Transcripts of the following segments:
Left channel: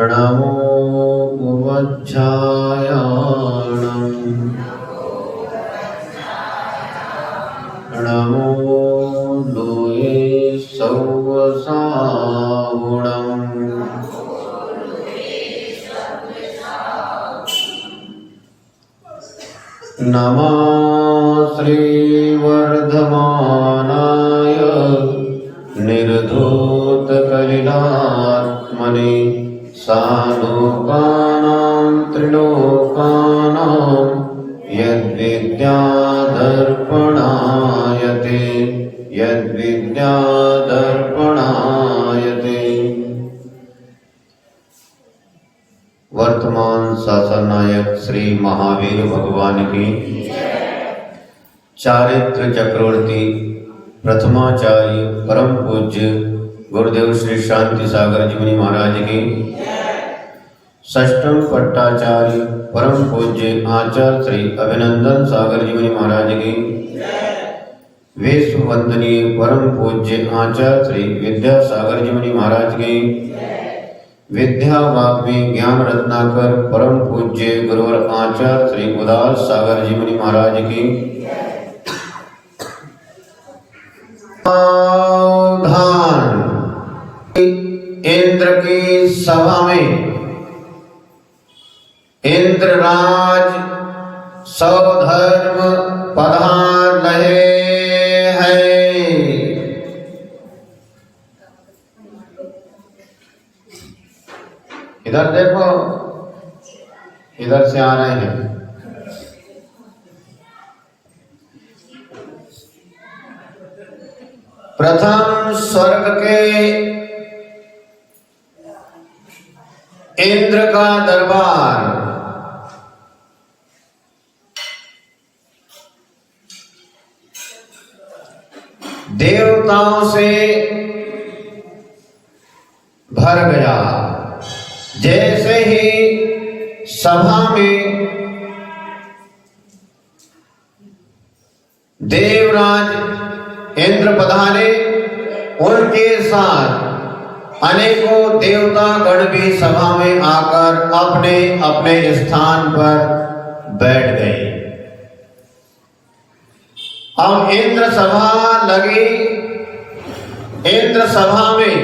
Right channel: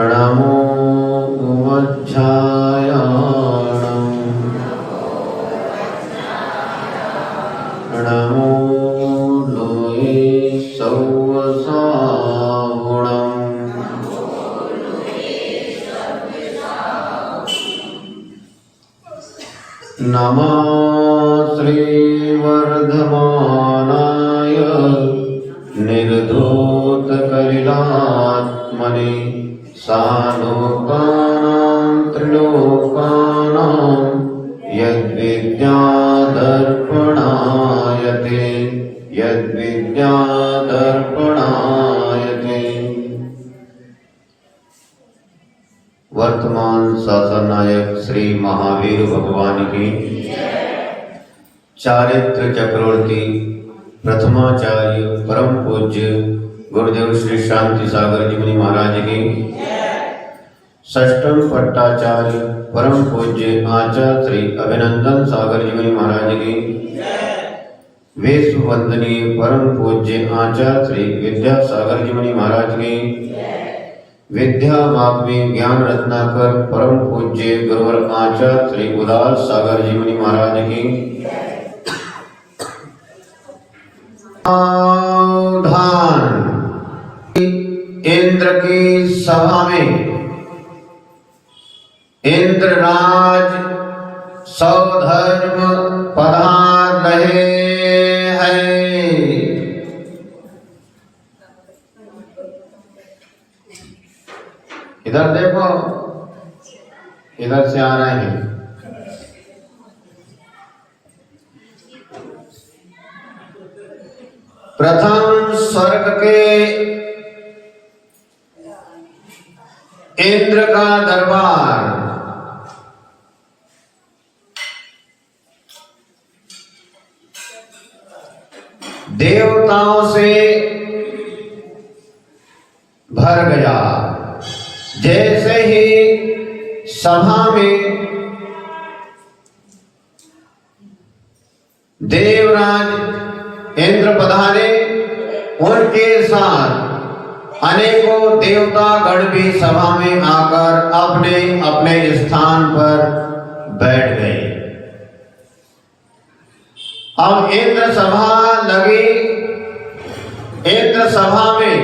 नमो उमज्झायाणं नमो लोये सौवसाहुणं नमः श्रीवर्धमानाय निर्धूतकलिलात्मने सालोकानां त्रिलोकानां यद्विद्यादर्पणायते वर्तमान शासनायक श्री महावीर भगवान की चारित्र चक्रवर्ती प्रथमाचार्य परम पूज्य गुरुदेव श्री शांति सागर जी मुनि महाराज की षष्ठम पट्टाचार्य परम पूज्य आचार्य श्री अभिनंदन सागर जी मुनि महाराज की विश्व वंदनीय परम पूज्य आचार्य श्री विद्यासागर जी मुनि महाराज की विद्या वाग्मी ज्ञान रत्नाकर परम पूज्य गुरुवर आचार्य श्री उदार सागर जी मुनि महाराज की इंद्र की सभा में इंद्रराज सौधर्म पधार रहे हैं। इधर देखो, इधर से आ रहे हैं। प्रथम स्वर्ग के इंद्र का दरबार देवताओं से भर गया। जैसे ही सभा में देवराज इंद्र पधारे, उनके साथ अनेकों देवता गण भी सभा में आकर अपने अपने स्थान पर बैठ गए। अब इंद्र सभा लगी। इंद्र सभा में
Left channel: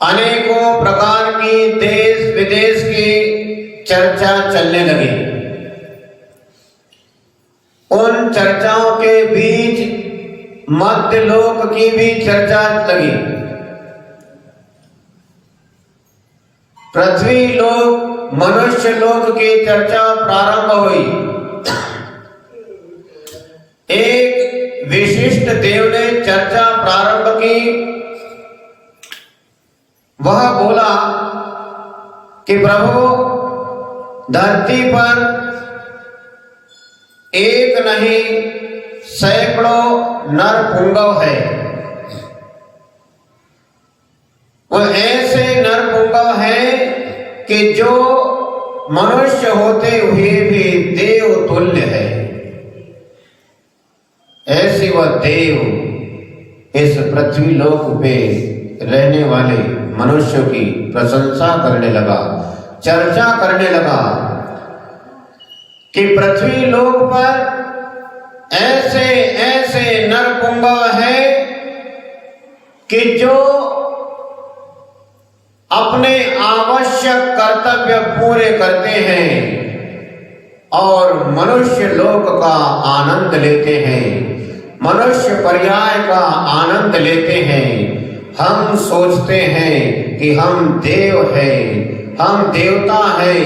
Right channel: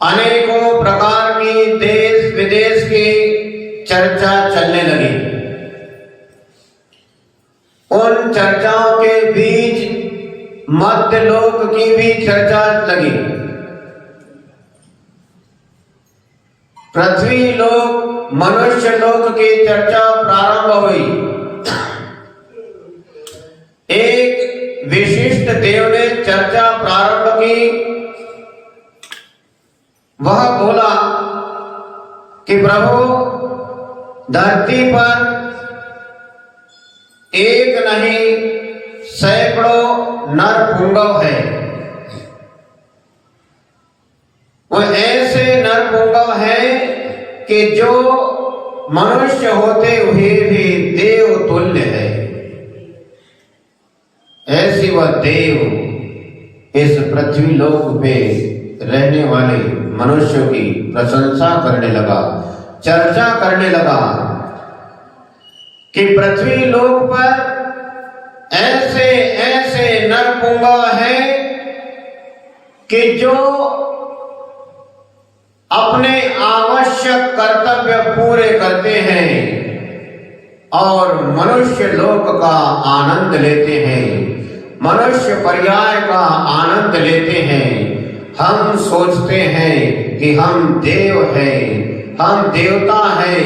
अनेकों प्रकार की देश विदेश की चर्चा चलने लगी। उन चर्चाओं के बीच मध्य लोक की भी चर्चा लगी। पृथ्वी लोक, मनुष्य लोक की चर्चा प्रारंभ हुई। एक विशिष्ट देव ने चर्चा प्रारंभ की। वह बोला कि प्रभु, धरती पर एक नहीं सैकड़ों नर पुंगव है। वो ऐसे नर पुंगव हैं कि जो मनुष्य होते हुए भी देव तुल्य है। ऐसी वह देव इस पृथ्वी लोक पे रहने वाले मनुष्यों की प्रशंसा करने लगा, चर्चा करने लगा कि पृथ्वी लोक पर ऐसे ऐसे नरपुंगव है कि जो अपने आवश्यक कर्तव्य पूरे करते हैं और मनुष्य लोक का आनंद लेते हैं, मनुष्य पर्याय का आनंद लेते हैं। हम सोचते हैं कि हम देव हैं, हम देवता हैं,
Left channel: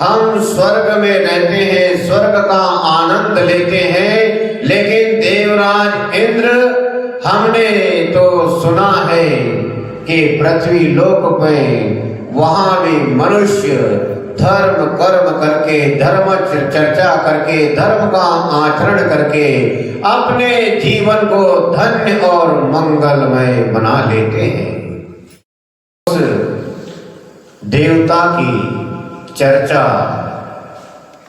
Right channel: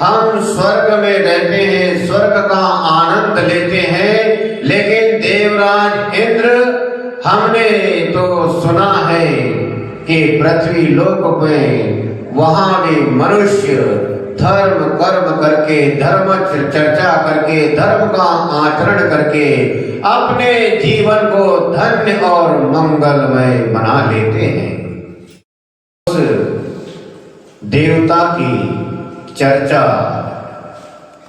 हम स्वर्ग में रहते हैं, स्वर्ग का आनंद लेते हैं। लेकिन देवराज इंद्र, हमने तो सुना है कि पृथ्वी लोक में वहां भी मनुष्य धर्म कर्म करके, धर्म चर्चा करके, धर्म का आचरण करके अपने जीवन को धन्य और मंगलमय बना लेते हैं। उस देवता की चर्चा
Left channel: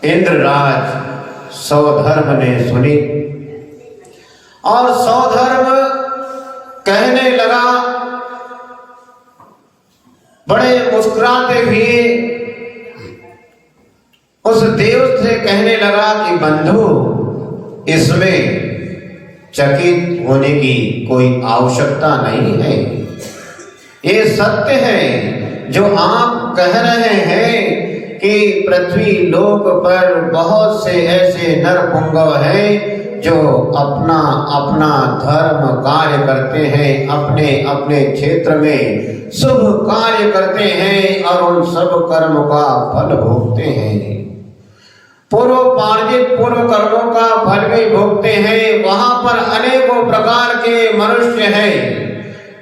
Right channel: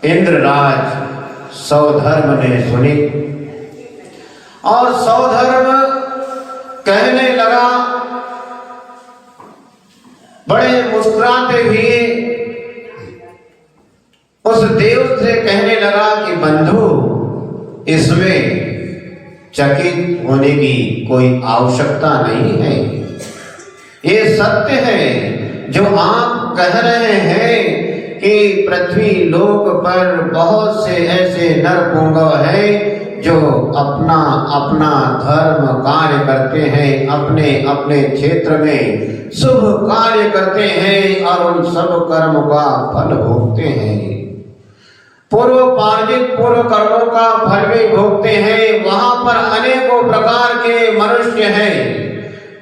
इंद्रराज सौधर्म ने सुनी और सौधर्म कहने लगा बड़े मुस्कुराते हुए उस देव से कहने लगा कि बंधु, इसमें चकित होने की कोई आवश्यकता नहीं है। ये सत्य है जो आप कह रहे हैं कि पृथ्वी लोक पर बहुत से ऐसे नरपुंगव हैं जो अपना अपना धर्म कार्य करते हैं, अपने अपने क्षेत्र में शुभ कार्य करते हैं और उन सब कर्म का फल भोगते हैं। पूर्वोपार्जित पूर्व कर्मों का फल भी भोगते हैं। वहां पर अनेकों प्रकार के मनुष्य हैं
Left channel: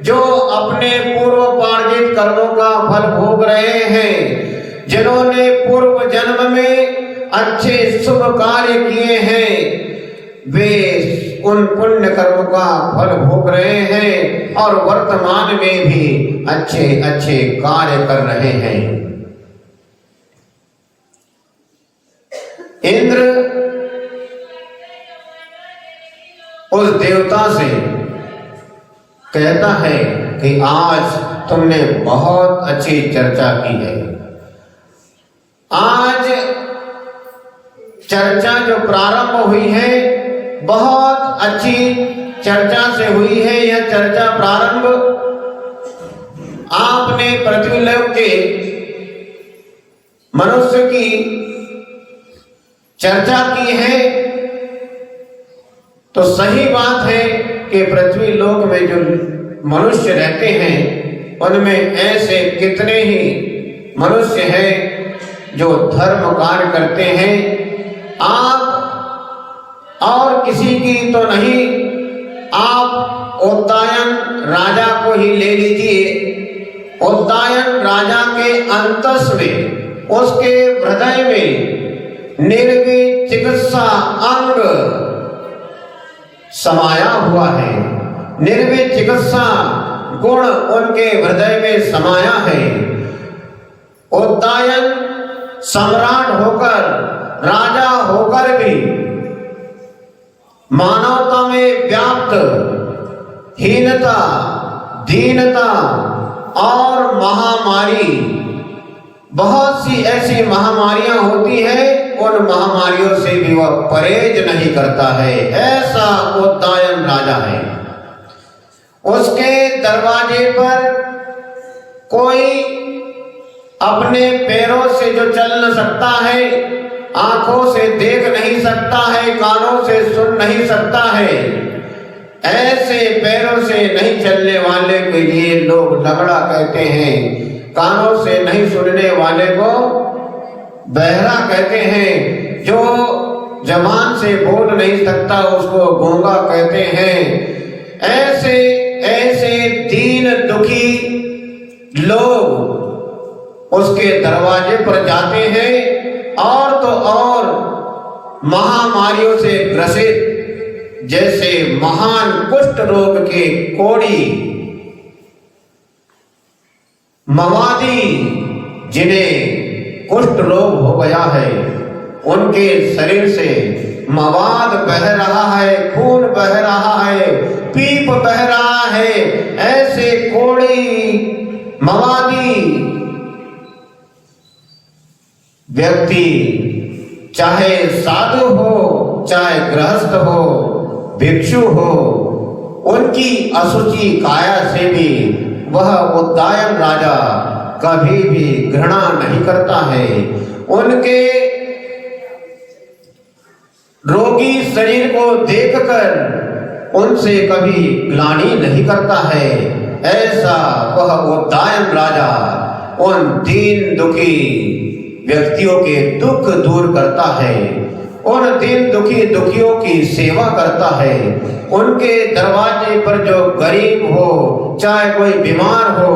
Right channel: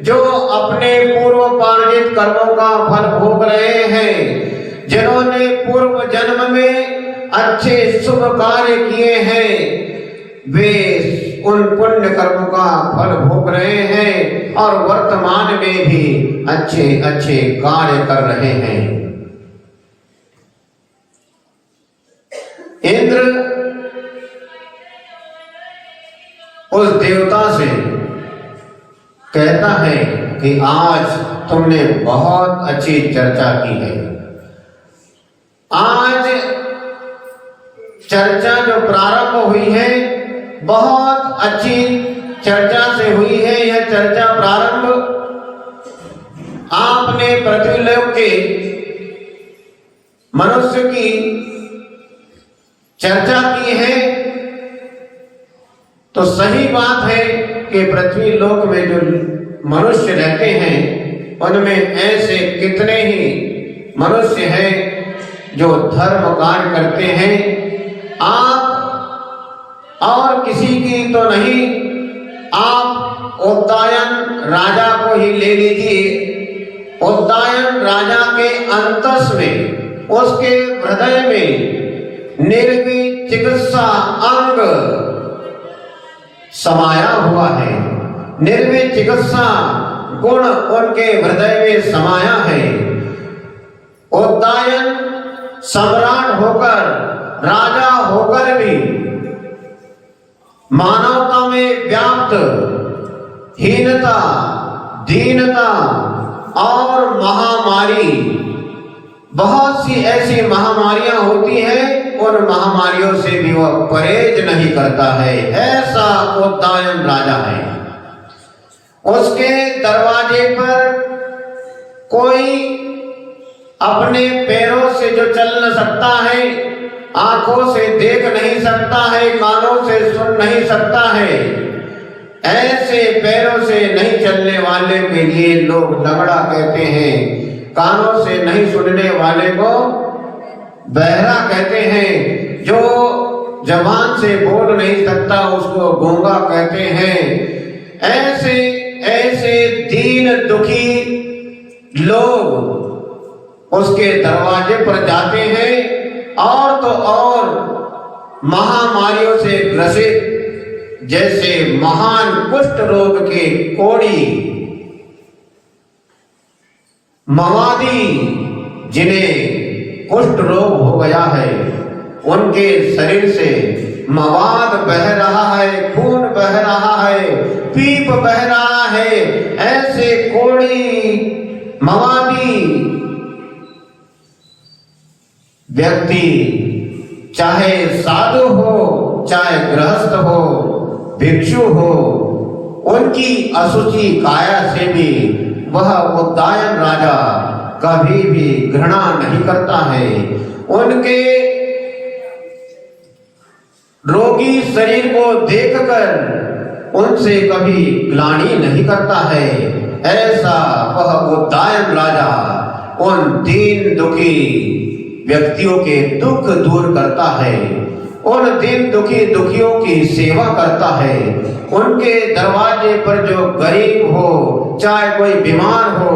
जो अपने पूर्वोपार्जित कर्मों का फल भोग रहे हैं। जिन्होंने पूर्व जन्म में अच्छे शुभ कार्य किए हैं, वे उन पुण्य कर्म का फल भोग रहे हैं और वर्तमान में भी अच्छे अच्छे कार्य कर रहे हैं। इंद्र उस देवता से कहता है कि आज तुमने बहुत अच्छी चर्चा की है। आज चर्चा जो प्रारंभ हुई है बहुत अच्छी चर्चा से हुई है। यह चर्चा प्रारंभ आपने पृथ्वीलोक के मनुष्य की चर्चा की है, तो सही बात है कि पृथ्वी लोक में जो मनुष्य रहते हैं उनमें ऐसे कितने ही मनुष्य हैं जो धर्म कार्य करते हैं। आप और किसी की तो नहीं, आप उद्दायन राजा को ही ले लीजिए। उद्दायन राजा के अंतस में, उसके हृदय में निर्वी चिकित्सा अंग समाया हुआ है। निर्वी चिकित्सा गुण उनके हृदय में समाया है। उद्दायन सम्राट होकर, राजा होकर भी मानवता में व्याप्त हीनता, दीनता और महामारी, बहुत सी ऐसी महामारियां होती हैं, उन महामारियों से भी वह परहेज नहीं करता है। ऐसा उद्दायन राजा है। उसके दरवाजे पर कोई अपने पैरों से जो चल न सकता है, आंखों से देख नहीं सकता है, कानों से सुन नहीं सकता है, ऐसे पैरों से नहीं चलने वाले के लिए लोग डगड़ा कहते हैं। कानों से नहीं सुनने वाले को बहरा कहते हैं। जो जबान से बोल नहीं सकता उसको गूंगा कहते हैं। ऐसे ऐसे दीन दुखी लोग उसके दरवाजे पर जाते हैं और तो और महामारियों से ग्रसित, जैसे महान कुष्ठ रोग के कोड़ी, मवादी जिन्हें कुष्ठ रोग हो गया है, उनके शरीर से मवाद बह रहा है, खून बह रहा है, पीप बह रहा है। ऐसे कोड़ी मवादी व्यक्ति, चाहे साधु हो, चाहे गृहस्थ हो, भिक्षु हो, उनकी असुचि काया से भी वह उद्दायन राजा कभी भी घृणा नहीं करता है। उनके रोगी शरीर को देखकर उनसे कभी ग्लानि नहीं करता है। ऐसा वह उद्दायन राजा उन दीन दुखी व्यक्तियों के दुख दूर करता है, उन दीन दुखी दुखियों की सेवा करता है। उनके दरवाजे पर जो गरीब हो, चाहे कोई बीमार हो,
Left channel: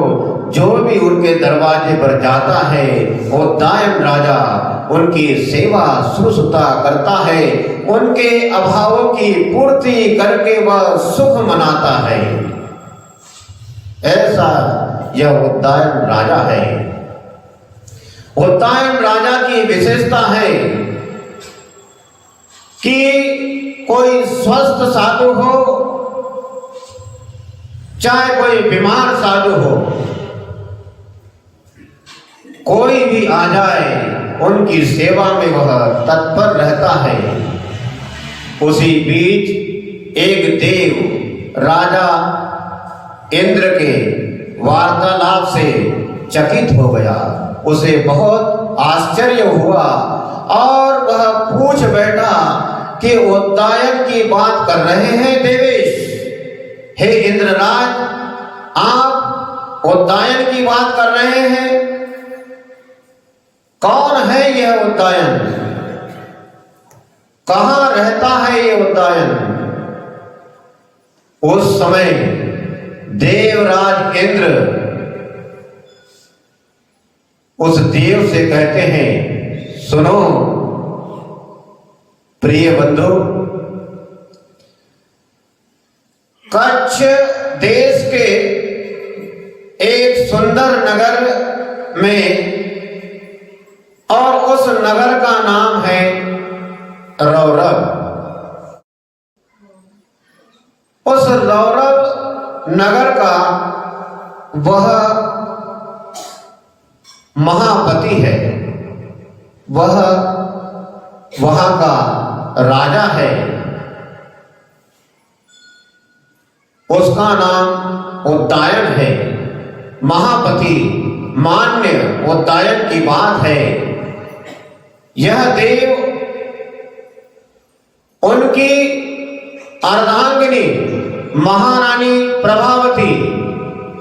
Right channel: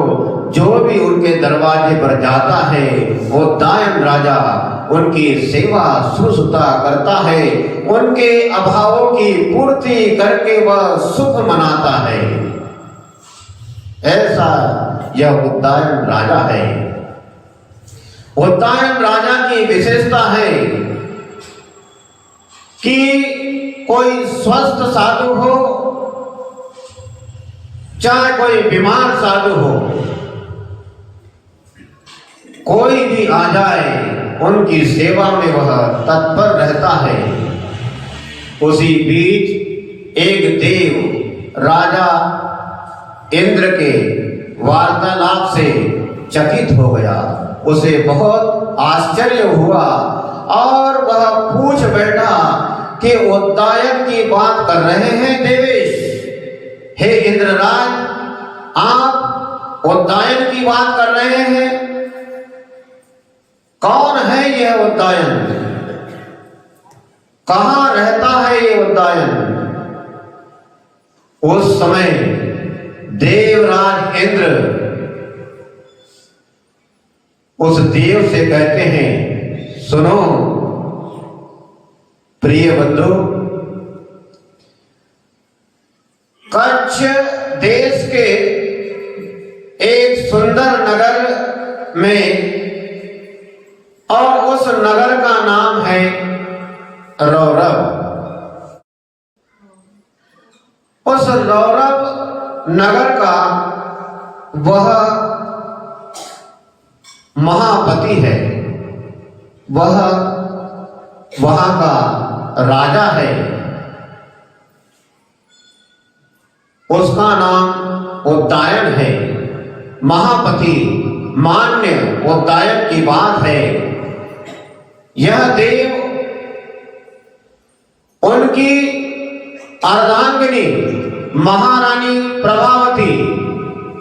जो भी उनके दरवाजे पर जाता है, वो उद्दायन राजा उनकी सेवा शुश्रूषा करता है, उनके अभावों की पूर्ति करके वह सुख मनाता है। ऐसा यह उद्दायन राजा है। उद्दायन राजा की विशेषता है कि कोई स्वस्थ साधु हो, चाहे कोई बीमार साधु हो, कोई भी आ जाए उनकी सेवा में वह तत्पर रहता है। उसी बीच एक देव राजा इंद्र के वार्तालाप से चकित हो गया। उसे बहुत आश्चर्य हुआ और वह पूछ बैठा कि उद्यान की बात कर रहे हैं देवेश? हे इंद्रराज, आप उद्यान की बात कर रहे हैं? कौन है यह उद्यान? कहां रहता है यह उद्यान? उस समय देवराज इंद्र उस देव से कहते हैं, सुनो प्रिय बंधु, कच्छ देश के एक सुंदर नगर में, और उस नगर का नाम है रौरव। उस रौरव नगर का वह महापति है, वह वहां का राजा है। उसका नाम उद्यान है। महापति मान्य उद्यान की बात है। यह देव उनकी अर्धांगिनी महारानी प्रभावती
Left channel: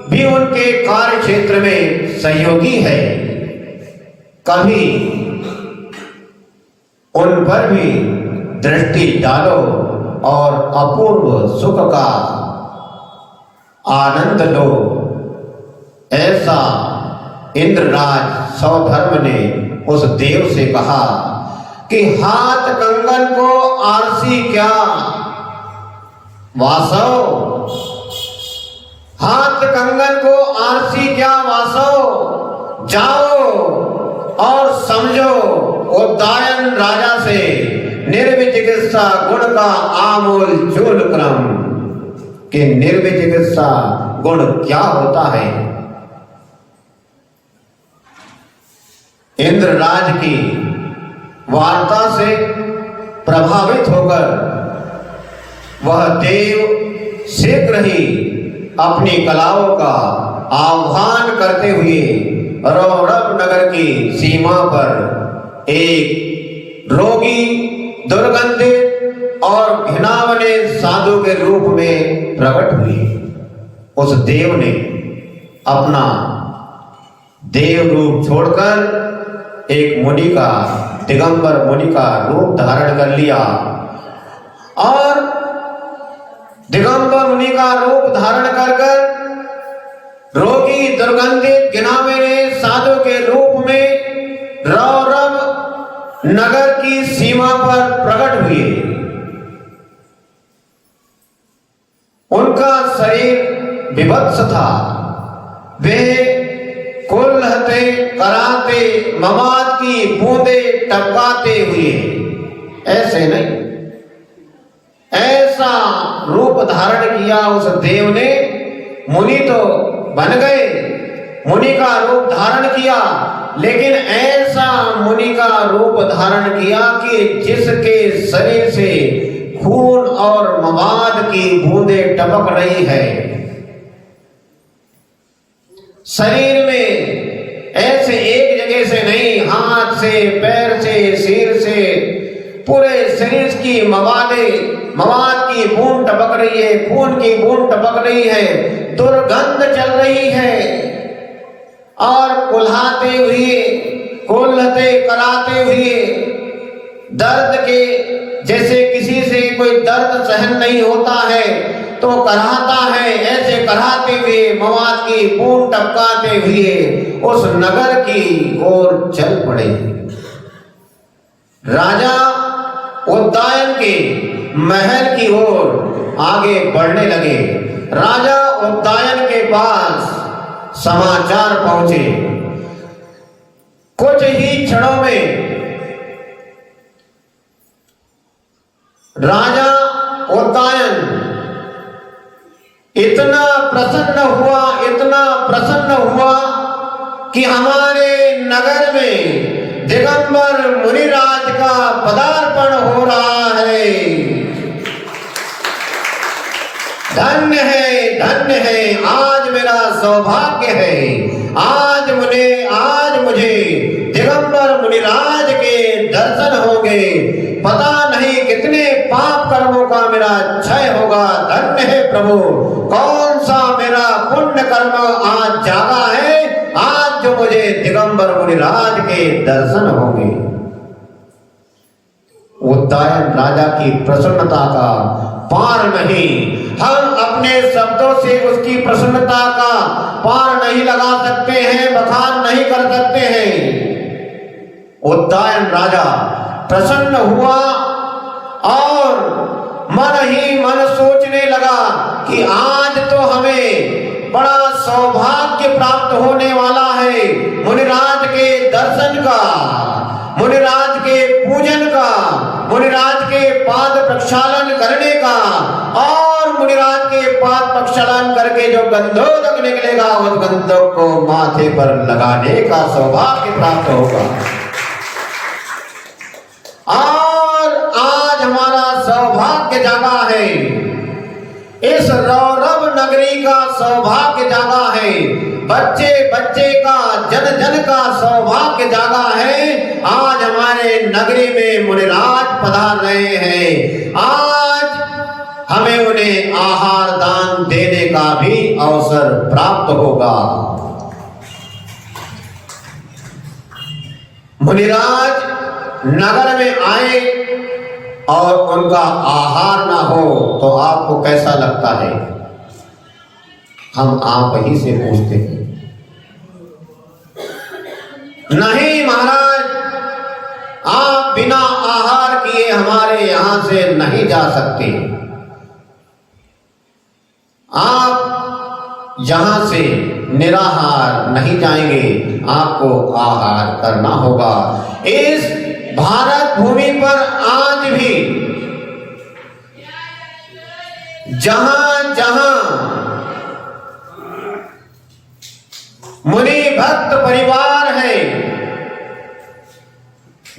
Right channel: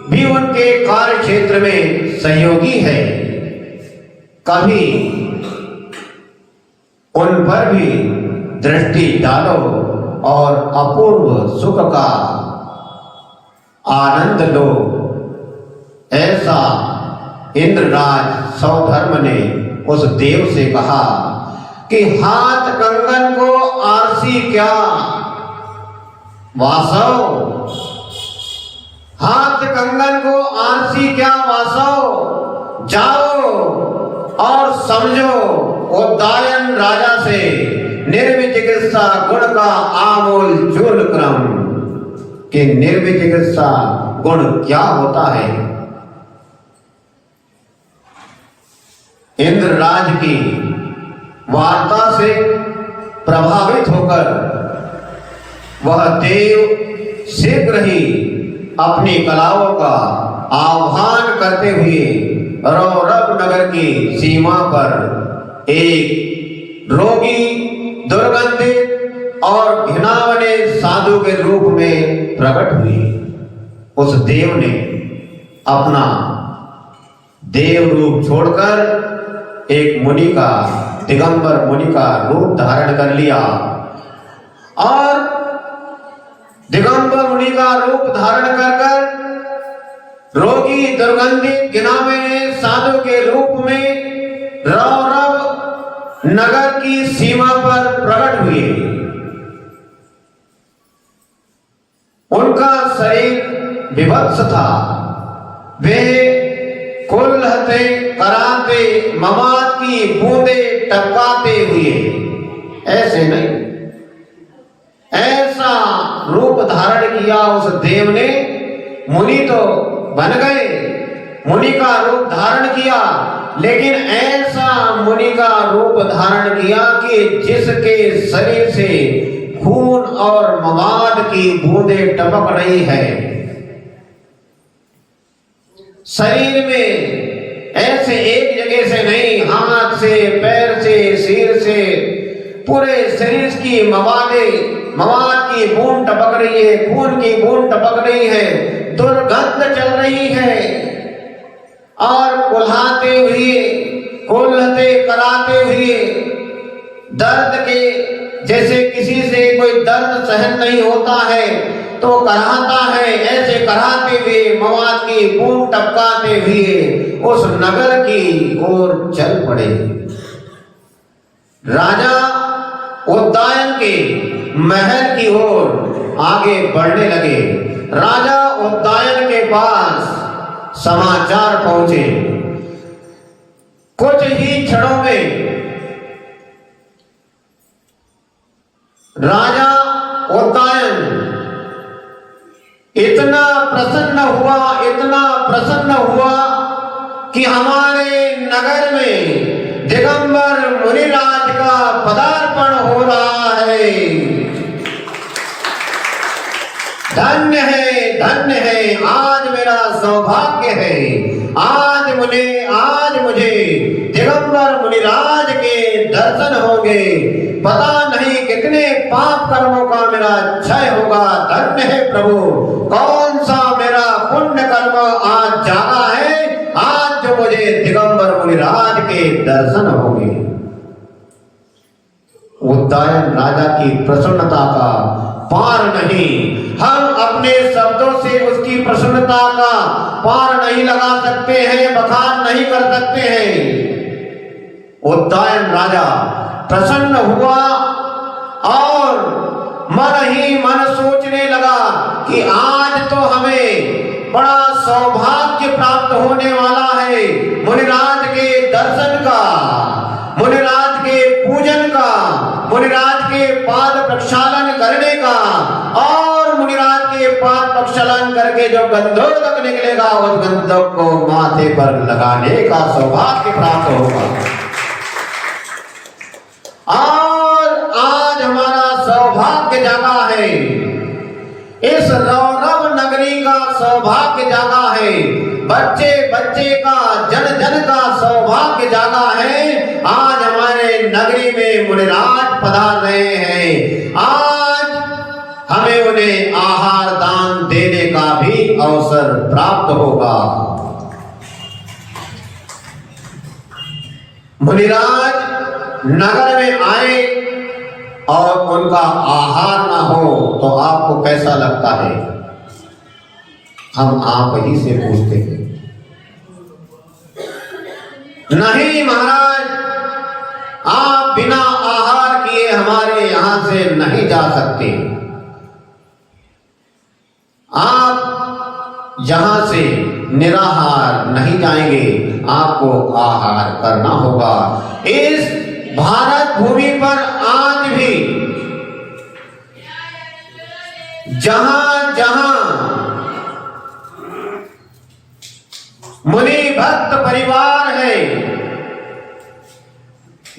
भी उनके कार्य क्षेत्र में सहयोगी है। कभी उन पर भी दृष्टि डालो और अपूर्व सुख का आनंद लो। ऐसा इंद्रराज सौधर्म ने उस देव से कहा कि हाथ कंगन को आरसी क्या वासव, हाथ कंगन को आरसी क्या वासव, जाओ और समझो उद्यान राजा से निर्विचिकित्सा गुण का आमूल चूल क्रम कि निर्विचिकित्सा गुण क्या होता है। इंद्रराज की वार्ता से प्रभावित होकर वह देव शीघ्र ही अपनी कलाओं का आह्वान करते हुए रौरव नगर की सीमा पर एक रोगी, दुर्गंधित और घिनौने साधु के रूप में प्रकट हुई। उस देव ने अपना देव रूप छोड़कर एक मुनि का, दिगंबर मुनि का रूप धारण कर लिया और दिगंबर मुनि का रूप धारण कर रोगी, दुर्गंधित, घिनौने साधु के रूप में रौरव नगर की सीमा पर प्रकट हुए। उनका शरीर विभत्स था। वे कुल्हते कराते ममाद की बूंदे टपकाते हुए, ऐसे नहीं, ऐसा रूप धारण किया उस देव ने। मुनि तो बन गए, मुनि का रूप धारण किया, लेकिन ऐसा मुनि का रूप धारण किया कि जिसके शरीर से खून और मवाद की बूंदें टपक रही है। शरीर में ऐसे एक जगह से नहीं, हाथ से, पैर से, सिर से, पूरे शरीर की मवाद की बूंद टपक रही है, खून की बूंद टपक रही है, दुर्गंध चल रही है और कुल्हाते हुए, कुल्हते कराते हुए, दर्द के जैसे किसी से कोई दर्द सहन नहीं होता है तो कराहता है, ऐसे कराहते हुए मवाद की बूंद टपकाते हुए उस नगर की ओर चल पड़े। राजा उद्यान के महल की ओर आगे बढ़ने लगे। राजा उद्यान के पास समाचार पहुंचे। कुछ ही क्षणों में राजा उद्यान इतना प्रसन्न हुआ, इतना प्रसन्न हुआ कि हमारे सौभाग्य है। आज मुझे दिगंबर मुनिराज के दर्शन होंगे। पता नहीं कितने पाप कर्मों का मेरा क्षय होगा। धन्य है प्रभु, कौन सा मेरा पुण्य कर्म आज जागा है, आज जो मुझे दिगंबर मुनिराज के दर्शन होंगे। उद्दायन राजा की प्रसन्नता का पार नहीं। हम अपने शब्दों से उसकी प्रसन्नता का पार नहीं लगा सकते हैं, बखान नहीं कर सकते हैं। उद्दायन राजा प्रसन्न हुआ और मन ही मन सोचने लगा कि आज तो हमें बड़ा सौभाग्य प्राप्त होने वाला है, मुनिराज के दर्शन का, मुनिराज के पूजन का, मुनिराज के पाद प्रक्षालन करने का, और मुनिराज के पाद प्रक्षालन करके जो गंधोदक निकलेगा उस गंधोदक को माथे पर लगाने का सौभाग्य प्राप्त होगा। और आज हमारा सौभाग्य जागा है, इस रौरव नगरी का सौभाग्य जागा है, बच्चे बच्चे का, जन जन का सौभाग्य जागा है। आज हमारे नगरी में मुनिराज पधार रहे हैं। आज हमें उन्हें आहार दान देने का भी अवसर प्राप्त होगा। मुनिराज नगर में आए और उनका आहार ना हो तो आपको कैसा लगता है? हम आप ही से पूछते हैं। नहीं महाराज, आप बिना आहार किए हमारे यहां से नहीं जा सकते। आप यहां से निराहार नहीं जाएंगे, आपको आहार करना होगा। इस भारत भूमि पर आज भी जहां जहां मुनि भक्त परिवार है,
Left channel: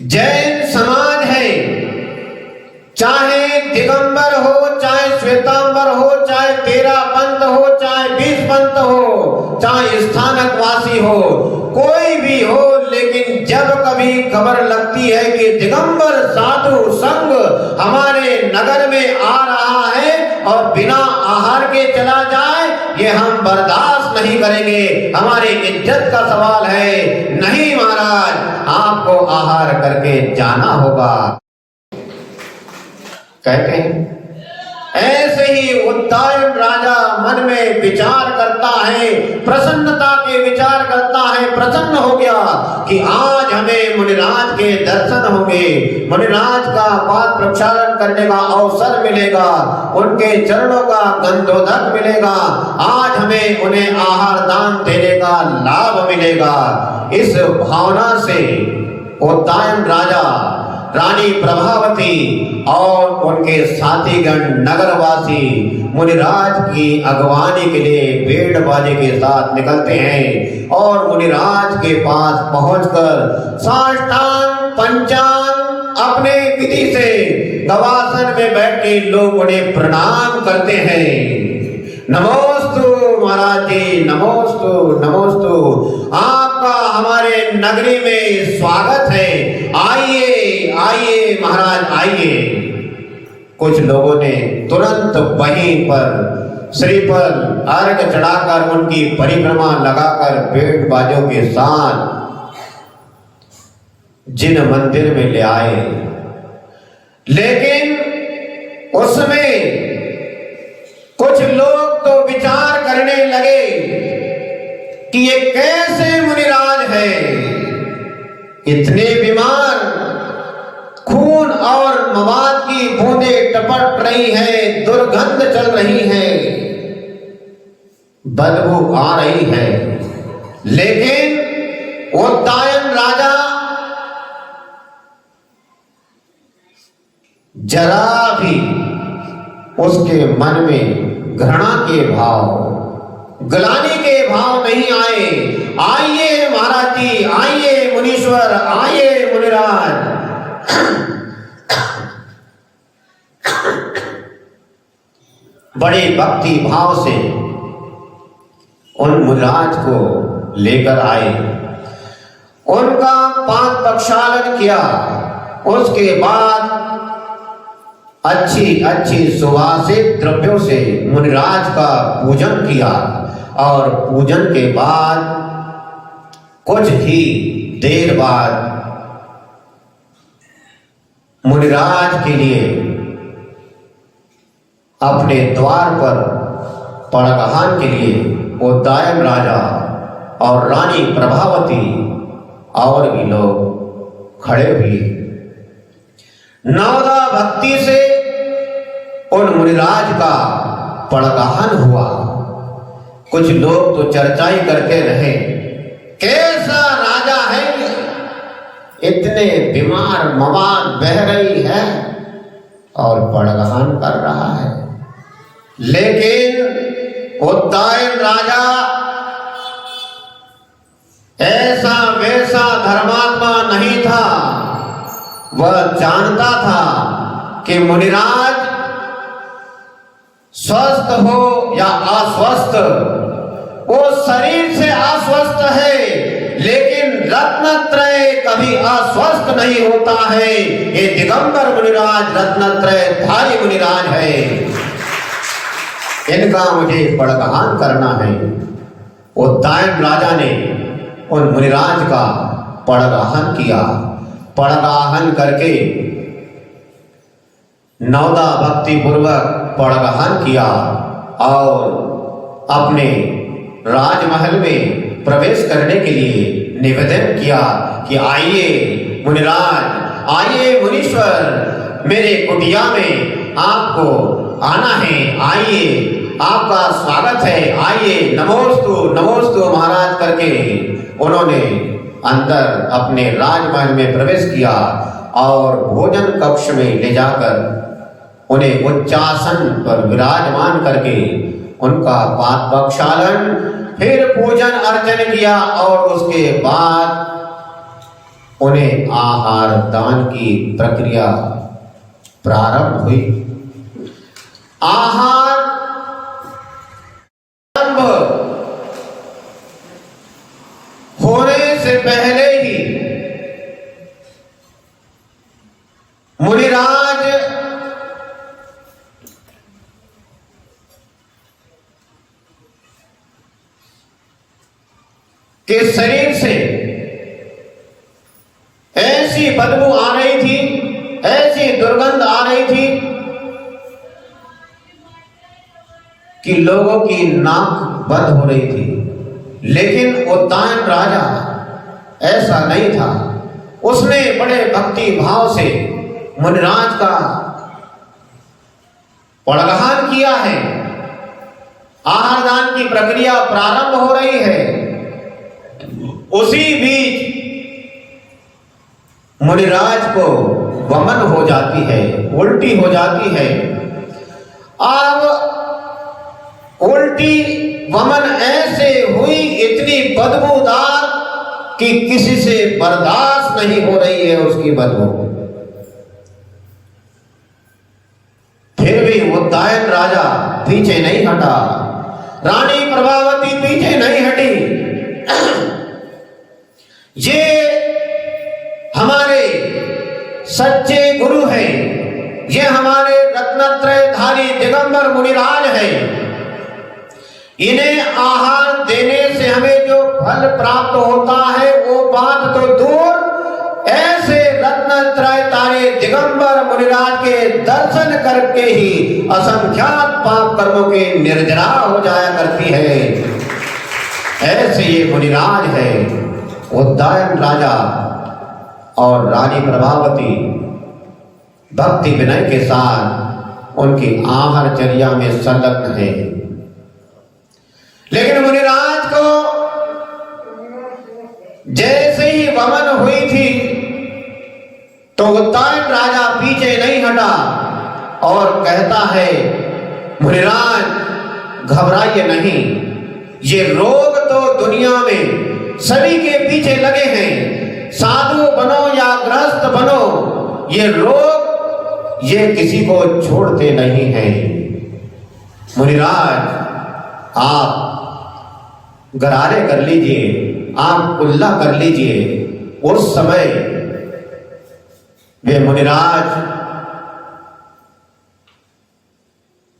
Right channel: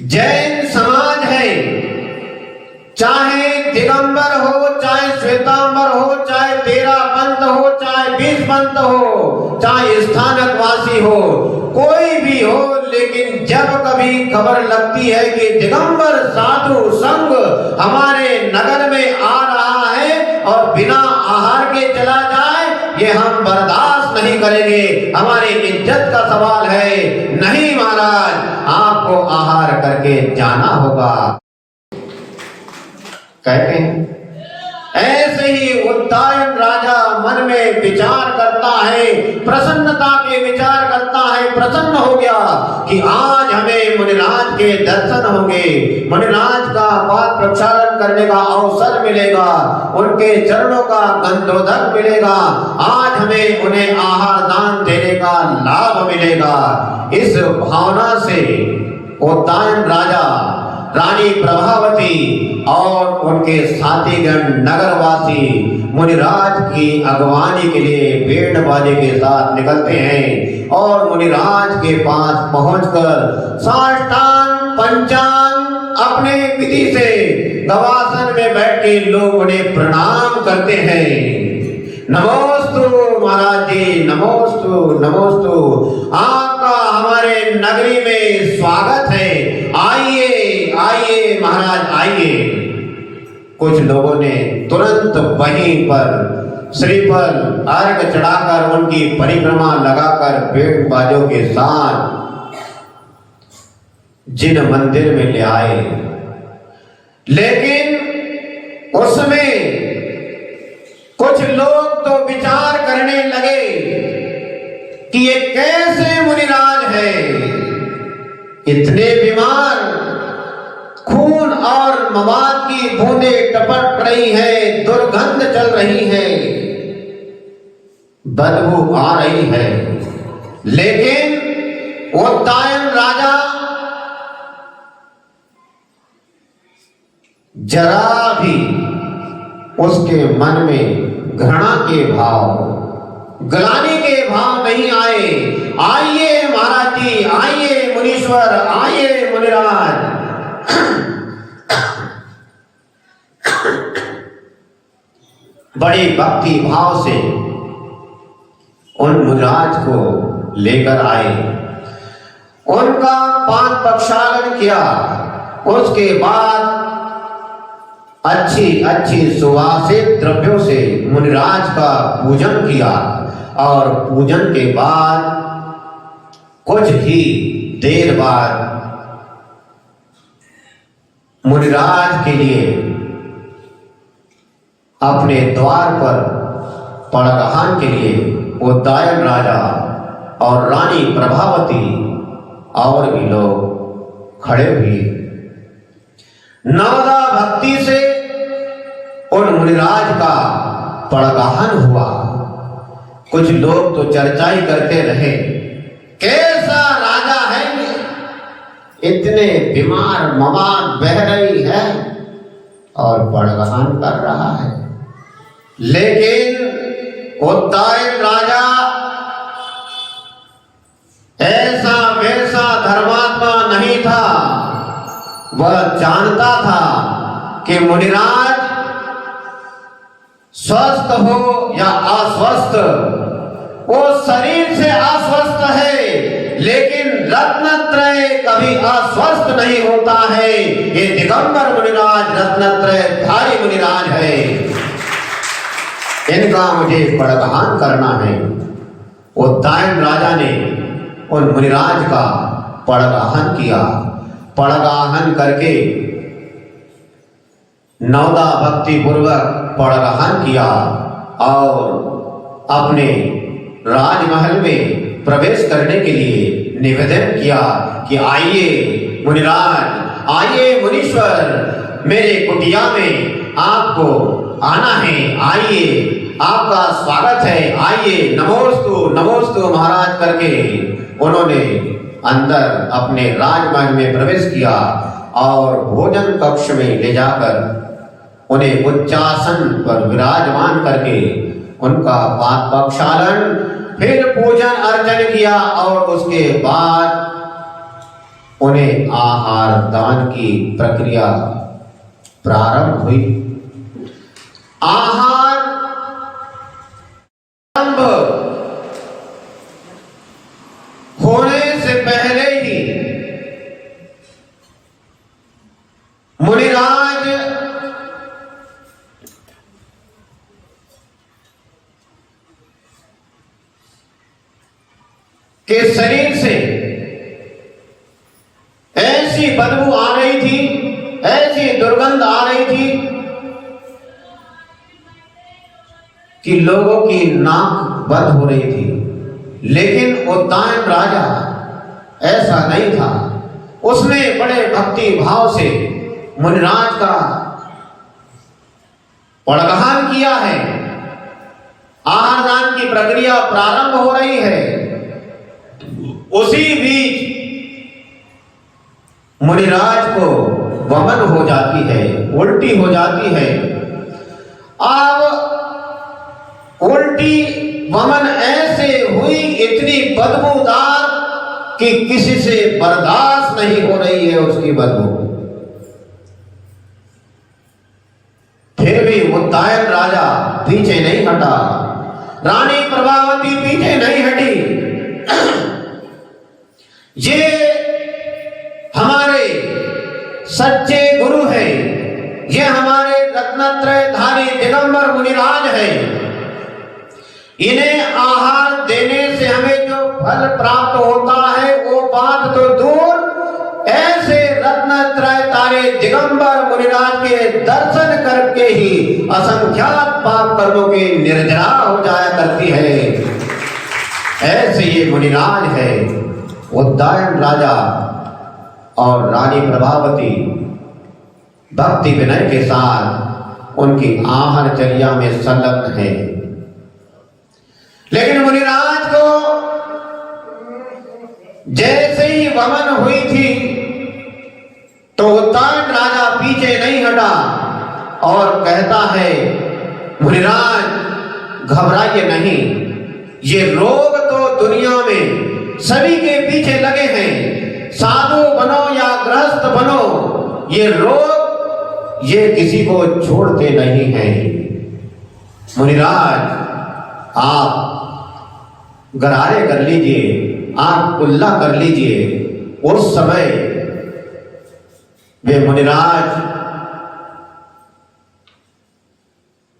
जैन समाज है, चाहे दिगंबर हो, चाहे श्वेतांबर हो, चाहे तेरा पंथ हो, चाहे 20 पंथ हो, चाहे स्थानक वासी हो, कोई भी हो, लेकिन जब कभी खबर लगती है कि दिगंबर साधु संघ हमारे नगर में आ रहा है और बिना आहार के चला जाए, ये हम बर्दाश्त नहीं करेंगे, हमारी इज्जत का सवाल है। नहीं महाराज, आपको आहार करके जाना होगा। कहते हैं ऐसे ही उद्दायन राजा मन में विचार करता है, प्रसन्नता के विचार करता है, प्रसन्न हो गया कि आज हमें मुनिराज के दर्शन होंगे, मुनिराज का पाद प्रक्षालन करने का अवसर मिलेगा, उनके चरणों का गंधोदक मिलेगा, आज हमें उन्हें आहार दान देने का लाभ मिलेगा। इस भावना से उद्दायन राजा, रानी प्रभावती और उनके साथीगण नगरवासी मुनिराज की अगवानी के लिए भेड़ बाजे के साथ निकलते हैं और मुनिराज के पास पहुंचकर साष्टांग पंचांग अपने विधि से गवासन में बैठ के लोग उन्हें प्रणाम करते हैं। नमोस्तु महाराज जी, नमोस्तु नमोस्तु, आपका हमारे नगरी में स्वागत है, आइए आइए महाराज आइए। कुछ लोगों ने तुरंत वहीं पर श्रीफल अर्घ चढ़ाकर उनकी परिक्रमा लगाकर भेड़ बाजों के साथ जिन मंदिर में ले आए, लेकिन उसमें कुछ लोग तो विचार करने लगे कि ये कैसे मुनिराज है, इतने बीमार, खून और मवाद की बूंदें टपक रही है, दुर्गंध चल रही है, बदबू आ रही है, लेकिन उद्दायन राजा जरा भी उसके मन में घृणा के भाव, ग्लानि के भाव नहीं आए। आइए महाराज जी, आइए मुनीश्वर, आइए मुनिराज। बड़े भक्ति भाव से उन मुनिराज को लेकर आए, उनका पाद प्रक्षालन किया। उसके बाद अच्छी अच्छी सुवासित द्रव्यों से मुनिराज का पूजन किया और पूजन के बाद कुछ ही देर बाद मुनिराज के लिए अपने द्वार पर पड़गहान के लिए उद्दायन राजा और रानी प्रभावती और भी लोग खड़े हुए। नवदा भक्ति से उन मुनिराज का पड़गहान हुआ। कुछ लोग तो चर्चा ही करते रहे, कैसा राजा है ये, इतने बीमार मवाद बह रही है और पड़गहान कर रहा है। लेकिन उद्दायन राजा ऐसा वैसा धर्मात्मा नहीं था। वह जानता था कि मुनिराज स्वस्थ हो या अस्वस्थ, वो शरीर से अस्वस्थ है, लेकिन रत्नत्रय कभी अस्वस्थ नहीं होता है। ये दिगंबर मुनिराज रत्नत्रय धारी मुनिराज है, इनका मुझे पड़गहान करना है। उद्दायन राजा ने उन मुनिराज का पड़गहान किया। पड़गहान करके नवदा भक्ति पूर्वक पड़गहान किया और अपने राजमहल में प्रवेश करने के लिए निवेदन किया कि आइए मुनिराज, आइए मुनीश्वर, मेरे कुटिया में आपको आना है, आइए, आपका स्वागत है, आइए, नमोस्तु नमोस्तु महाराज करके उन्होंने अंदर अपने राजमहल में प्रवेश किया और भोजन कक्ष में ले जाकर उन्हें उच्चासन पर विराजमान करके उनका पाद प्रक्षालन, फिर पूजन अर्चन किया और उसके बाद उन्हें आहार दान की प्रक्रिया प्रारंभ हुई। आहार होने से पहले ही मुनिराज के शरीर से ऐसी बदबू आ रही थी, ऐसी दुर्गंध आ रही थी कि लोगों की नाक बंद हो रही थी। लेकिन उद्दायन राजा ऐसा नहीं था। उसने बड़े भक्ति भाव से मुनिराज का पड़गहान किया है। आहार दान की प्रक्रिया प्रारंभ हो रही है। उसी बीच मुनिराज को वमन हो जाती है, उल्टी हो जाती है। अब उल्टी वमन ऐसे हुई, इतनी बदबूदार कि किसी से बर्दाश्त नहीं हो रही है उसकी बदबू। फिर भी उद्दायन राजा पीछे नहीं हटा, रानी प्रभावती पीछे नहीं हटी। ये हमारे सच्चे गुरु हैं, ये हमारे रत्नत्रयधारी दिगंबर मुनिराज हैं। इन्हें आहार देने से हमें जो फल प्राप्त होता है वो बात तो दूर, ऐसे रत्नत्रयधारी दिगंबर मुनिराज के दर्शन करके ही असंख्यात पाप कर्मों की निर्जरा हो जाया करती है। ऐसे ये मुनिराज है। उद्दायन राजा और रानी प्रभावती भक्ति विनय के साथ उनकी आहारचर्या में संलग्न है। लेकिन मुनिराज को जैसे ही वमन हुई थी तो उद्दायन राजा पीछे नहीं हटा और कहता है, मुनिराज घबराइए नहीं, ये रोग तो दुनिया में सभी के पीछे लगे हैं। साधु बनो या गृहस्थ बनो, ये रोग ये किसी को छोड़ते नहीं हैं। मुनिराज आप गरारे कर लीजिए, आंख कुल्ला कर लीजिए। उस समय वे मुनिराज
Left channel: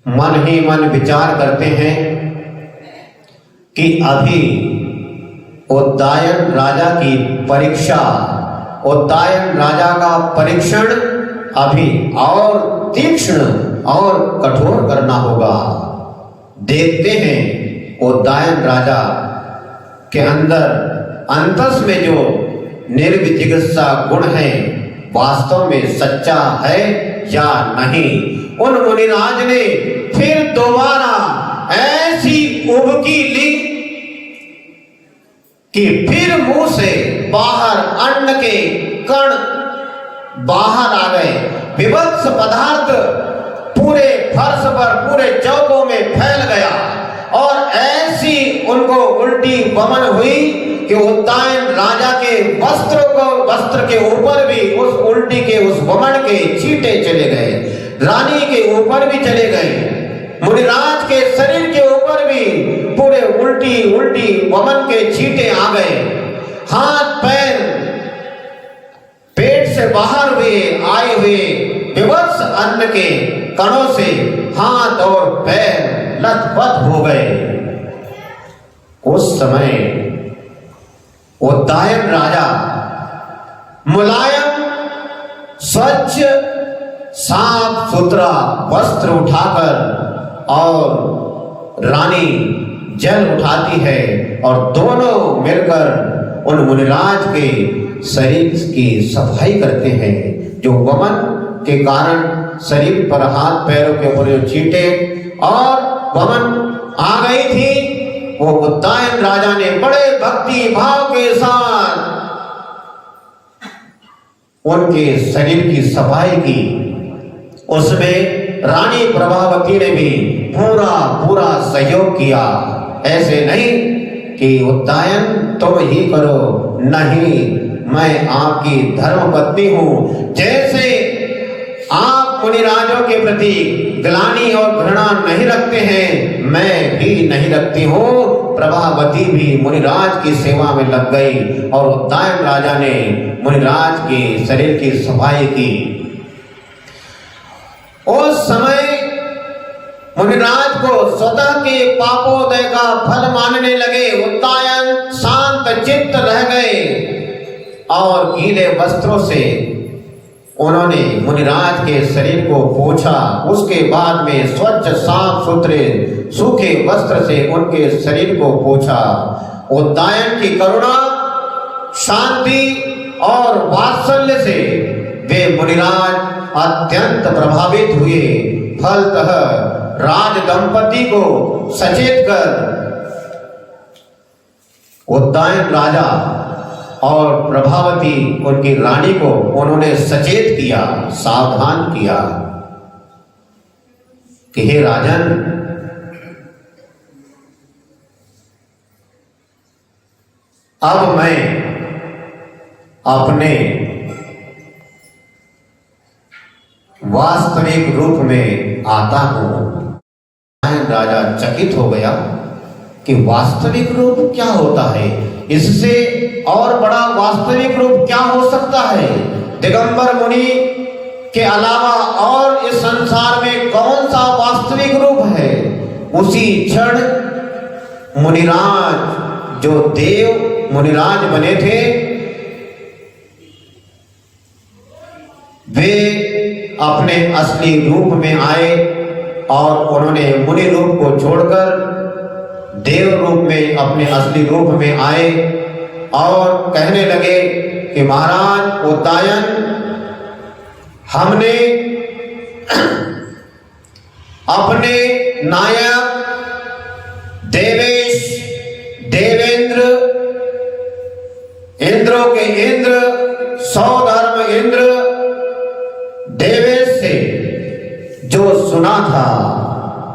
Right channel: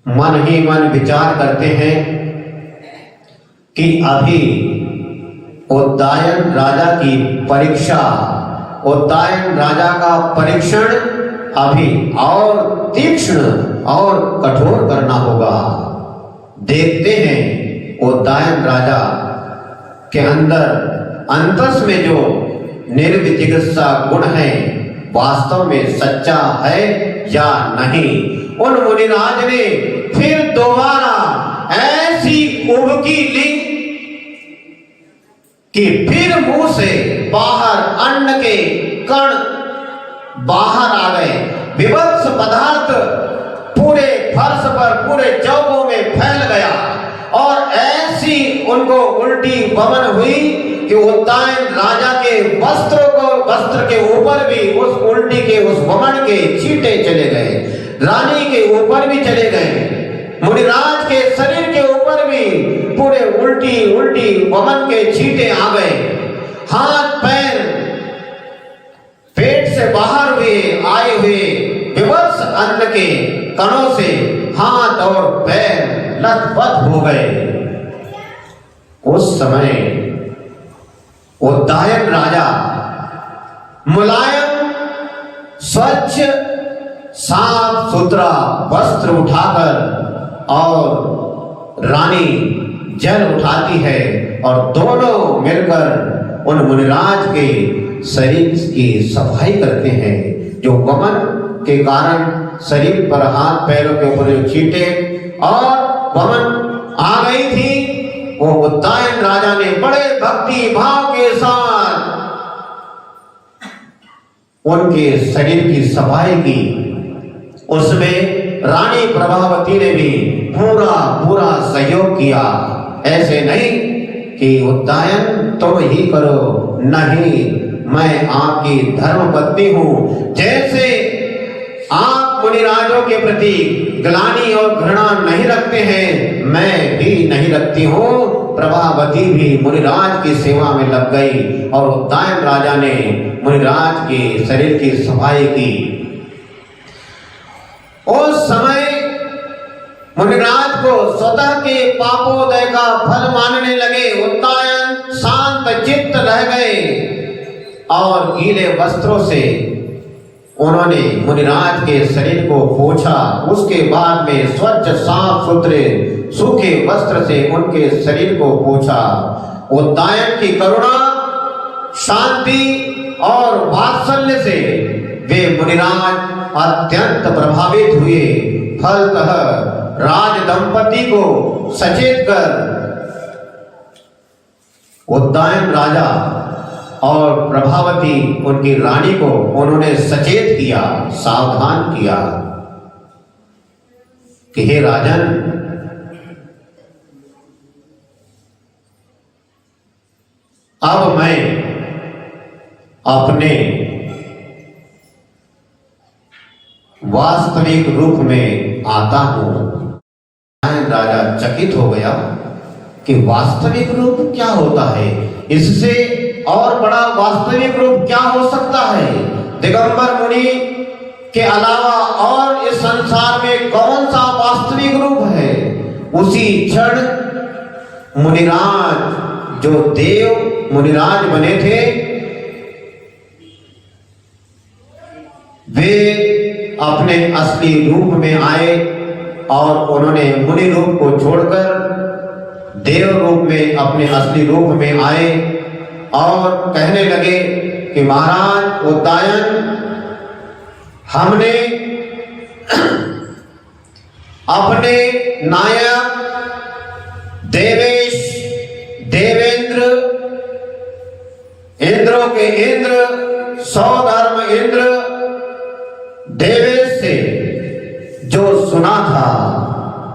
मन ही मन विचार करते हैं कि अभी उद्दायन राजा की परीक्षा, उद्दायन राजा का परीक्षण अभी और तीक्ष्ण और कठोर करना होगा। देखते हैं उद्दायन राजा के अंदर अंतस में जो निर्विचिकित्सा गुण है वास्तव में सच्चा है या नहीं। उन मुनिराज ने फिर दोबारा ऐसी उबकी ली कि फिर मुंह से बाहर अन्न के कण बाहर आ गए। विभत्स पदार्थ पूरे फर्श पर, पूरे चौकों में फैल गया और ऐसी उनको उल्टी वमन हुई कि उद्दायन राजा के वस्त्र के ऊपर भी उस उल्टी के, उस वमन के छींटे चले गए, रानी के ऊपर भी चले गए, मुनिराज के शरीर के ऊपर भी पूरे उल्टी वमन के छींटे आ गए। हाथ पैर पेट से बाहर आए हुए विवत्स अन्न के कणों से हाथ और पैर लथपथ हो गए। उस समय उद्दायन राजा मुलायम स्वच्छ साफ सुथरा वस्त्र उठाकर और रानी जल उठाती है और दोनों मिलकर उन मुनिराज के शरीर की सफाई करते हैं। जो वमन के कारण शरीर पर, हाथ पैरों के ऊपर जो छींटे और वमन आ गई थी, वो उद्दायन राजा ने बड़े भक्ति भाव के साथ उनके शरीर की सफाई की। उसमें रानी प्रभावती ने भी पूरा सहयोग किया। ऐसे नहीं कि उद्दायन तुम ही करो, नहीं, मैं आपकी धर्म पत्नी हूं। जैसे आप मुनिराजों के प्रति ग्लानि और घृणा नहीं रखते हैं, मैं भी नहीं रखती हूं। प्रभावती भी मुनिराज की सेवा में लग गई और उद्दायन राजा ने मुनिराज के शरीर की सफाई की। उस समय मुनिराज को स्वतः के पापोदय का फल मानने लगे। उद्दायन शांत चित्त रह गए और गीले वस्त्रों से उन्होंने मुनिराज के शरीर को पोंछा। उसके बाद में स्वच्छ साफ सुथरे सूखे वस्त्र से उनके शरीर को पोंछा। उद्दायन की करुणा, शांति और वात्सल्य से वे मुनिराज अत्यंत प्रभावित हुए। फलतः राज दंपति को सचेत कर उद्दायन राजा और प्रभावती उनकी रानी को उन्होंने सचेत किया, सावधान किया कि हे राजन, अब मैं अपने वास्तविक रूप में आता हूं। राजा चकित हो गया कि वास्तविक रूप क्या होता है, इससे और बड़ा वास्तविक रूप क्या हो सकता है। दिगंबर मुनि के अलावा और इस संसार में कौन सा वास्तविक रूप है। उसी क्षण मुनिराज, जो देव मुनिराज बने थे, वे अपने असली रूप में आए और उन्होंने मुनि रूप को छोड़कर देव रूप में, अपने असली रूप में आए और कहने लगे कि महाराज उद्दायन, हमने अपने नायक देवेश, देवेंद्र, इंद्रों के इंद्र, सौधर्म इंद्र देवेश से जो सुना था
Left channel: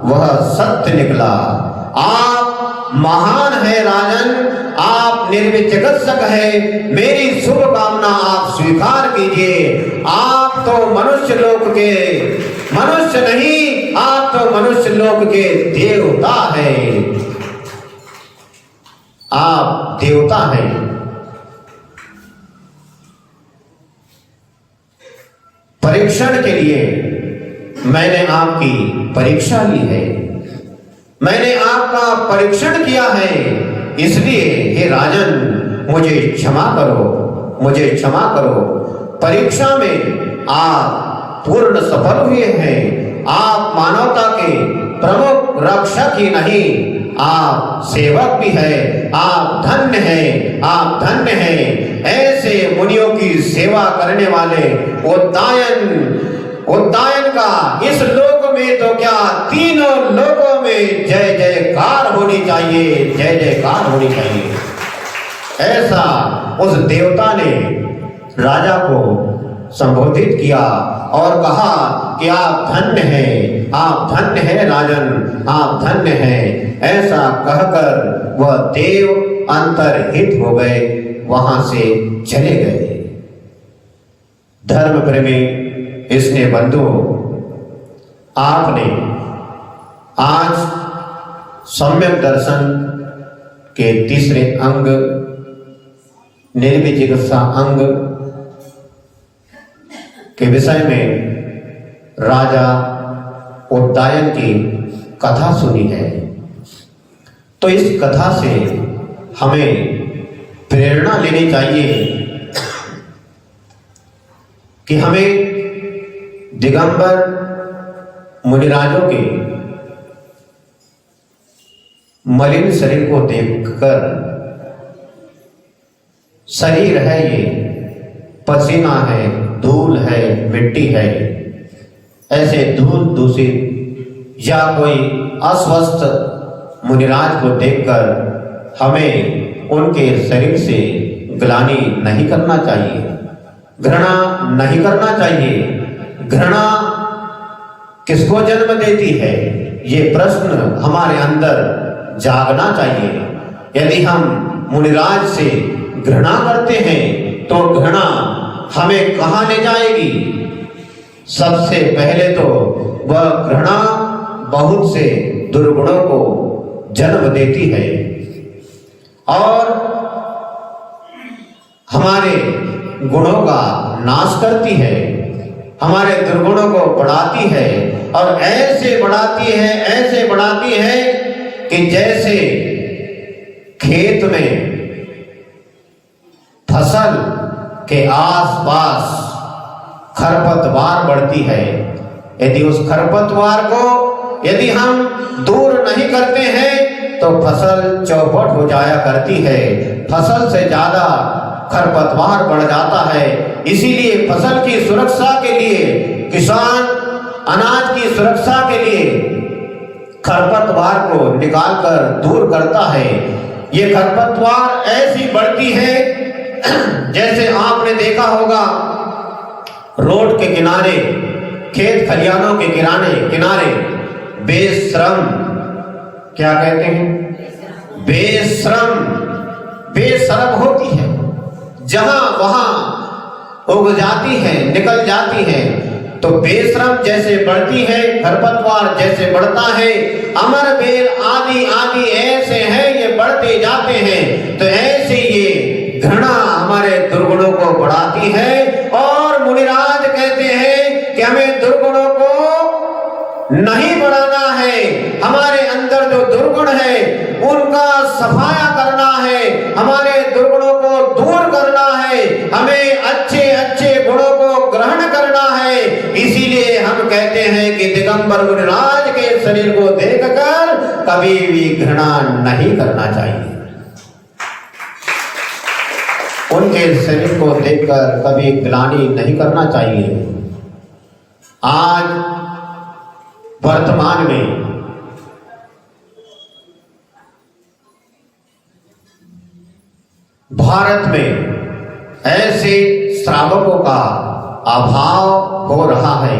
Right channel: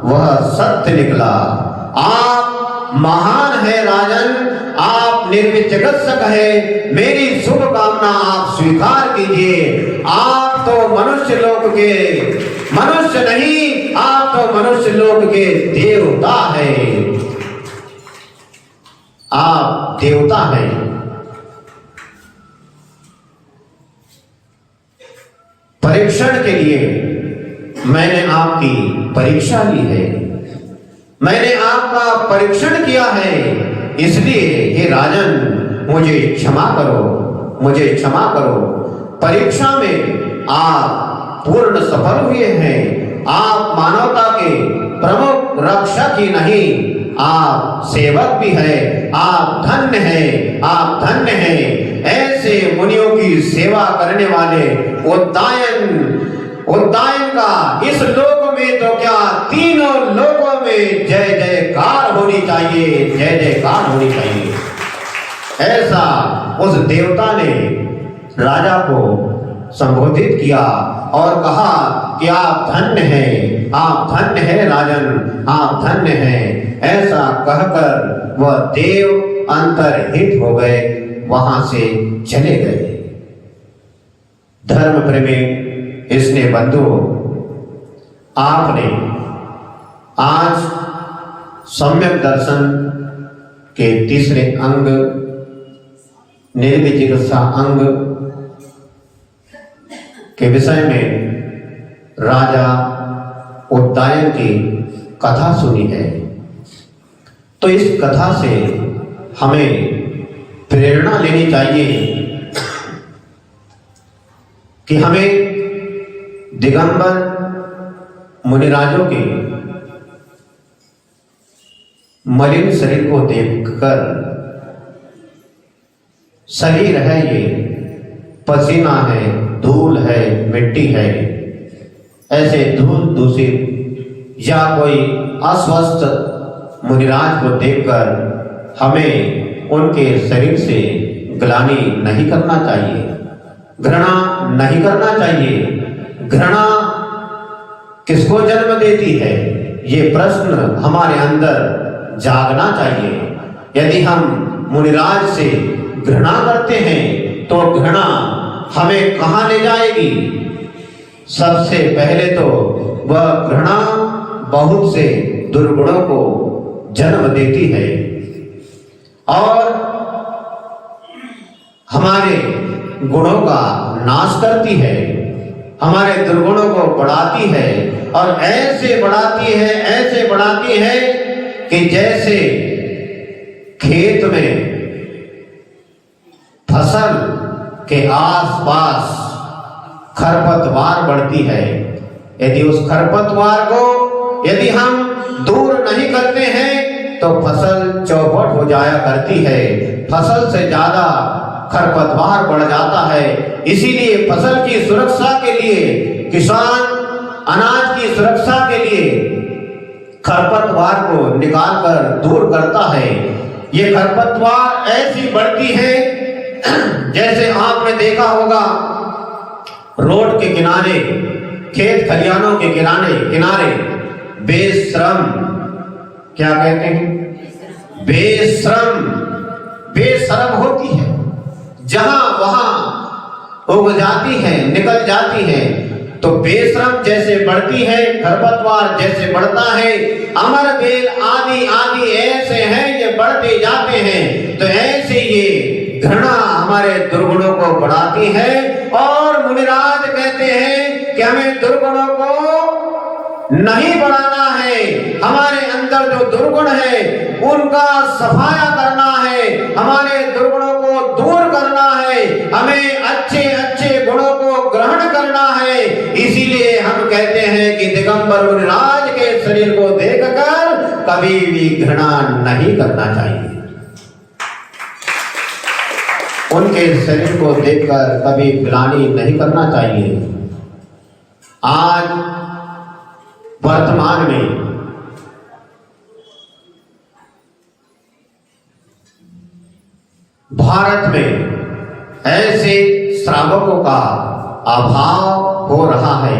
वह सत्य निकला। आप महान है राजन, आप निर्विचिकित्सक है। मेरी शुभकामना आप स्वीकार कीजिए। आप तो मनुष्य लोक के, मनुष्य नहीं, आप तो मनुष्य लोक के देवता है। आप देवता हैं। परीक्षण के लिए मैंने आपकी परीक्षा ली है, मैंने आपका परीक्षण किया है, इसलिए हे राजन मुझे क्षमा करो, मुझे क्षमा करो। परीक्षा में आप पूर्ण सफल हुए हैं। आप मानवता के प्रमुख रक्षक ही नहीं, आप सेवक भी है। आप धन्य हैं, आप धन्य हैं। ऐसे मुनियों की सेवा करने वाले उद्दायन का इस लोक में तो क्या तीनों लोकों में जय जयकार होनी चाहिए, जय जयकार होनी चाहिए। ऐसा उस देवता ने राजा को संबोधित किया और कहा कि आप धन्य हैं, आप धन्य हैं राजन, आप धन्य हैं। ऐसा कहकर वह देव अंतर्हित हो गए, वहां से चले गए। धर्म प्रेमी इसने बंधु, आपने आज सम्यक दर्शन के तीसरे अंग निर्विजिज्ञासा अंग के विषय में राजा उद्दायन की कथा सुनी है। तो इस कथा से हमें प्रेरणा लेनी चाहिए कि हमें दिगंबर मुनिराजों के मलिन शरीर को देखकर, शरीर है ये, पसीना है, धूल है, मिट्टी है, ऐसे धूल दूषित या कोई अस्वस्थ मुनिराज को देखकर हमें उनके शरीर से ग्लानि नहीं करना चाहिए, घृणा नहीं करना चाहिए। घृणा किसको जन्म देती है, ये प्रश्न हमारे अंदर जागना चाहिए। यदि हम मुनिराज से घृणा करते हैं तो घृणा हमें कहां ले जाएगी? सबसे पहले तो वह घृणा बहुत से दुर्गुणों को जन्म देती है और हमारे गुणों का नाश करती है, हमारे दुर्गुणों को बढ़ाती है और ऐसे बढ़ाती है, ऐसे बढ़ाती है कि जैसे खेत में फसल के आसपास खरपतवार बढ़ती है, यदि उस खरपतवार को यदि हम दूर नहीं करते हैं तो फसल चौपट हो जाया करती है, फसल से ज्यादा खरपतवार बढ़ जाता है। इसीलिए फसल की सुरक्षा के लिए किसान अनाज की सुरक्षा के लिए खरपतवार को निकालकर दूर करता है। ये खरपतवार ऐसी बढ़ती है जैसे आपने देखा होगा रोड के किनारे, खेत खलियानों के किनारे बेश्रम, क्या कहते हैं, बेशर्म होती है, जहां वहां उग जाती है, निकल जाती है। तो बेशर्म जैसे बढ़ती है, खरपतवार जैसे बढ़ता है, अमर बेल आदि आदि ऐसे हैं, ये बढ़ते जाते हैं। तो ऐसे ये घृणा हमारे दुर्गुणों को बढ़ाती है और मुनिराज कहते हैं कि हमें दुर्गुणों को नहीं बढ़ाना है, हमारे अंदर जो दुर्गुण है उनका सफाया करना है, हमारे दुर्गुणों को दूर करना है, हमें अच्छे अच्छे गुणों को ग्रहण करना है। इसीलिए हम कहते हैं कि दिगंबर मुनिराज के शरीर को देखकर कभी भी घृणा नहीं करना चाहिए, उनके शरीर को देखकर कभी ग्लानि नहीं करना चाहिए। आज वर्तमान में भारत में ऐसे श्रावकों का अभाव हो रहा है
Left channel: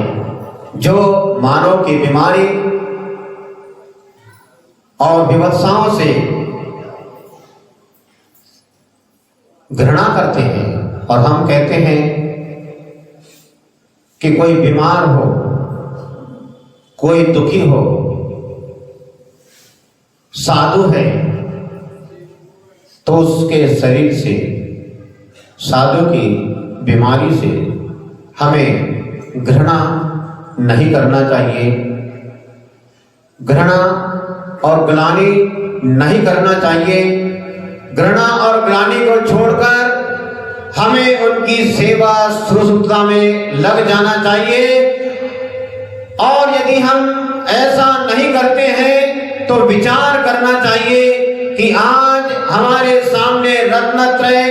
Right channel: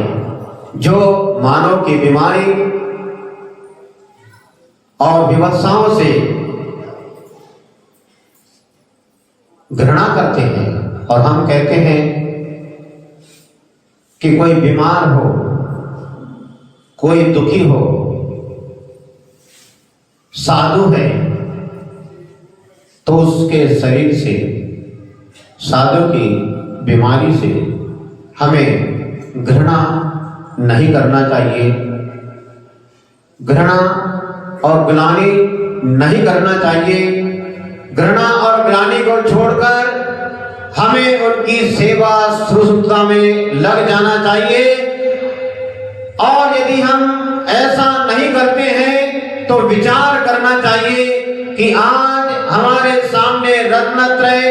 जो मानव की बीमारी और विवत्साओं से घृणा करते हैं। और हम कहते हैं कि कोई बीमार हो, कोई दुखी हो, साधु है, तो उसके शरीर से, साधु की बीमारी से हमें घृणा नहीं करना चाहिए, घृणा और ग्लानि नहीं करना चाहिए। घृणा और ग्लानि को छोड़कर हमें उनकी सेवा शुश्रूषा में लग जाना चाहिए। और यदि हम ऐसा नहीं करते हैं तो विचार करना चाहिए कि आज हमारे सामने रत्नत्रय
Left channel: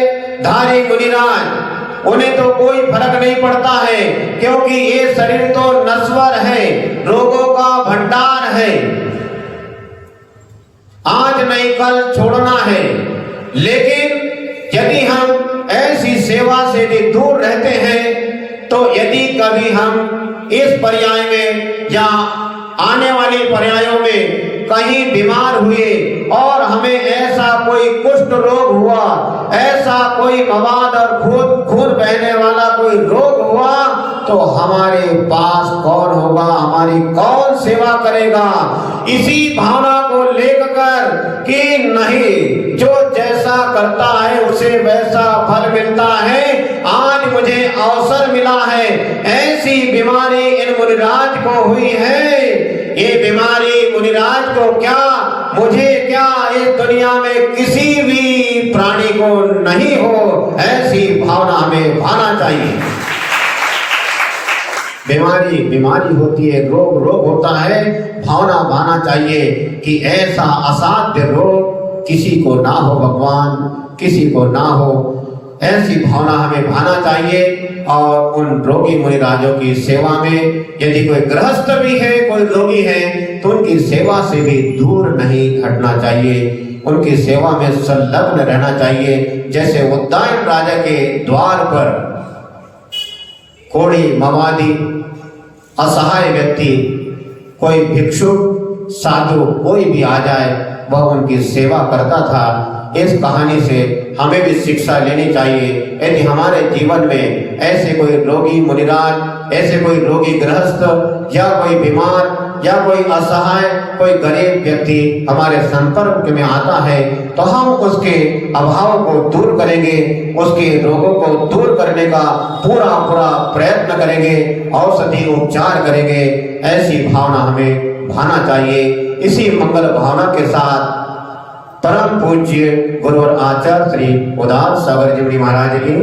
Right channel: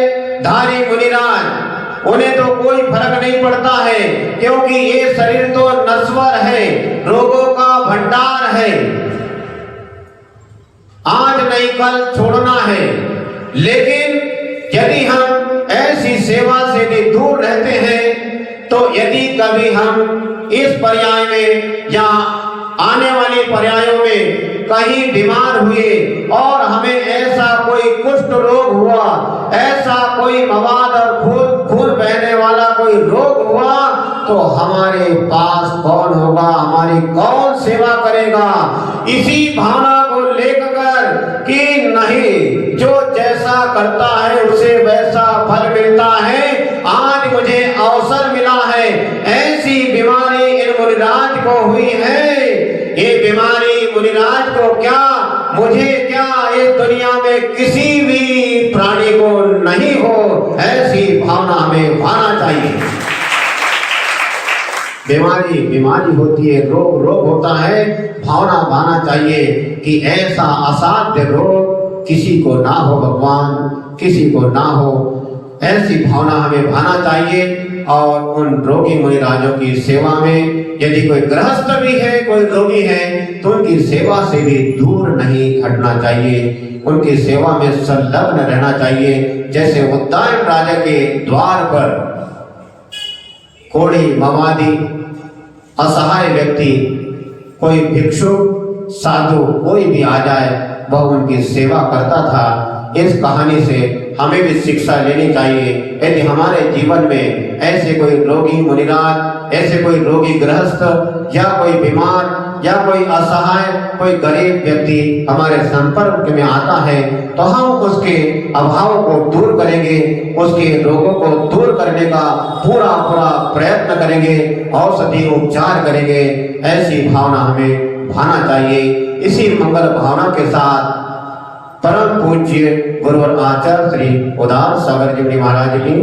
धारी मुनिराज, उन्हें तो कोई फर्क नहीं पड़ता है, क्योंकि ये शरीर तो नश्वर है, रोगों का भंडार है, आज नहीं कल छोड़ना है। लेकिन यदि हम ऐसी सेवा से भी दूर रहते हैं तो यदि कभी हम इस पर्याय में या आने वाले पर्यायों में कहीं बीमार हुए और हमें ऐसा कोई कुष्ठ रोग हुआ, ऐसा कोई मवाद और खून बहने वाला कोई रोग हुआ, तो हमारे पास कौन होगा, हमारी कौन सेवा करेगा? इसी भावना को लेकर कि नहीं, जो जैसा करता है उसे वैसा फल मिलता है, आज मुझे अवसर मिला है, ऐसी बीमारी इन मुनिराज को हुई है, ये बीमारी मुनिराज को क्या, मुझे क्या, इस दुनिया में किसी भी प्राणी को नहीं हो, ऐसी भावना हमें भाना चाहिए। बीमारी होती है, रोग होता है, भावना भाना चाहिए कि ऐसा असाध्य रोग किसी को ना हो, भगवान किसी को ना हो, ऐसी भावना हमें भाना चाहिए। और उन रोगी मुनिराजों की सेवा में यदि कोई गृहस्थ भी है, कोई रोगी है, तो उनकी सेवा से भी दूर नहीं हटना चाहिए, उनकी सेवा में संलग्न रहना चाहिए। जैसे उद्दायन राजा के द्वार पर कोड़ी, मवादी, असहाय व्यक्ति, कोई भिक्षु, साधु, कोई भी आ जाए, वह उनकी सेवा करता था। इस कहानी से हमें भी शिक्षा लेनी चाहिए। यदि हमारे जीवन में ऐसे कोई रोगी मुनिराज, ऐसे कोई रोगी गृहस्थ या कोई बीमार या कोई असहाय, कोई गरीब व्यक्ति हमारे संपर्क में आता है, तो हम उसके अभाव को दूर करेंगे, उसके रोगों को दूर करने का पूरा प्रयत्न करेंगे, औषधि उपचार करेंगे। ऐसी भावना हमें भाना चाहिए। इसी मंगल भावना के साथ परम पूज्य गुरु और आचार्य श्री उदार सागर जी महाराज की